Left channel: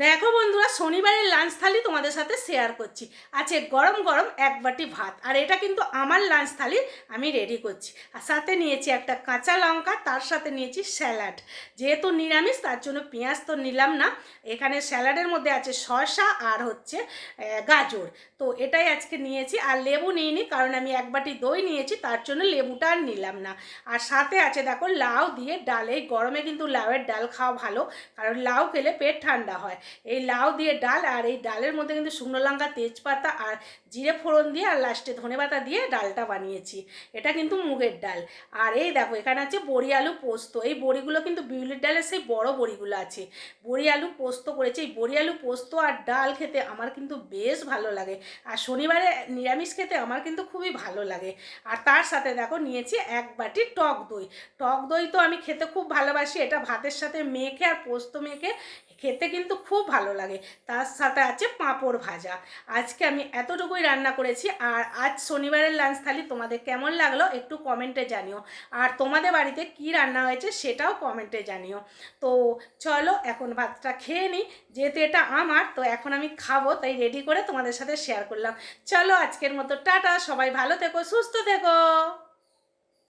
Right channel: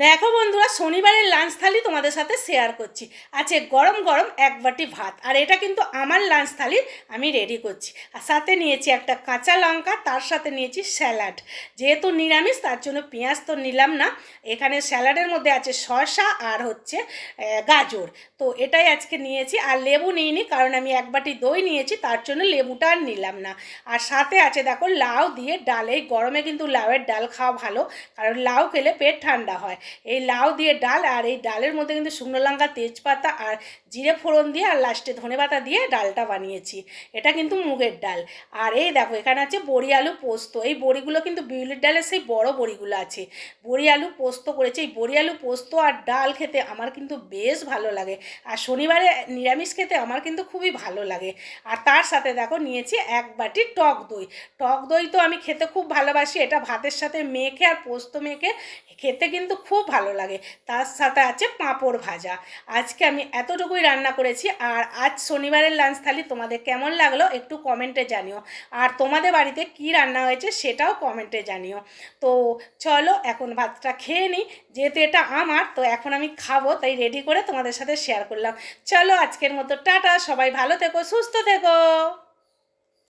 দেখো বন্ধুরা, শনিবারের লাঞ্চ থালি তোমাদের সাথে শেয়ার করছি। আছে গরম গরম এক বাটি ভাত, আর এটা কিন্তু আমার লাঞ্চ থালি আমি রেডি করছি। আর সাথে নিয়েছি একটা কাঁচা লঙ্কা, তার সাথে নিয়েছি স্যালাড। যেহেতু নিরামিষ তার জন্য পেঁয়াজ তো নিলাম না। এখানে স্যালাডের মধ্যে আছে শসা আর হচ্ছে গাজর। তো এটাই আজকে নিয়েছি, আর লেবু নিইনি কারণ আমি এক বাটি দই নিয়েছি, তার জন্য লেবুটা আর নিলাম না। আর সাথে আছে দেখো লাউ দিয়ে ডাল। এই গরমে কিন্তু লাউয়ের ডাল খাওয়া ভালো, কারণ লাউ খেলে পেট ঠান্ডা হয়। এই লাউ দিয়ে ডাল, আর এই ডালের মধ্যে কিন্তু শুকনো লঙ্কা, তেজপাতা আর জিরে ফোড়ন দিয়ে আর লাস্টে ধনেপাতা দিয়ে ডালটা বানিয়েছি। এটা কিন্তু মুগের ডাল। আর এই দেখো এখানে আছে বড়ি আলু পোস্ত। এই বড়িগুলো কিন্তু বিউলির ডালের সেই বড় বড়িগুলো আছে। বড়ি আলু পোস্ত করেছি। এই বড়ি আলু পোস্ত আর ডাল খেতে আমার কিন্তু বেশ ভালো লাগে, আর শনিবারে নিরামিষ খেতে আমার কিন্তু খুবই ভালো লাগে। আর তার সাথে দেখো নিয়েছি এক বাটি টক দই। টক দই তো আমি খেতে খুব ভালোবাসি। এটা ভাতের সাথে মেখে আর পোস্ত মেখে খেতে কিন্তু খুব ভালো লাগে। তার সাথে আছে পাঁপড় ভাজা। আজকে আমি এতটুকুই রান্না করেছি। আর আজ শনিবারের লাঞ্চ থালি তোমাদের কেমন লাগলো একটু কমেন্টে জানিও, আর তোমাদের বাড়িতে কি রান্না হয়েছে সেটাও কমেন্টে জানিও। তো চলো এখন ভাতটা খেয়ে নিই, যেহেতু এটা আমার, তো এখন আমি খাবো, তাই রেডি করে তোমাদের সাথে শেয়ার করলাম। চলো আজকের মতো টাটা, সবাই ভালো থেকো, সুস্থ থেকো।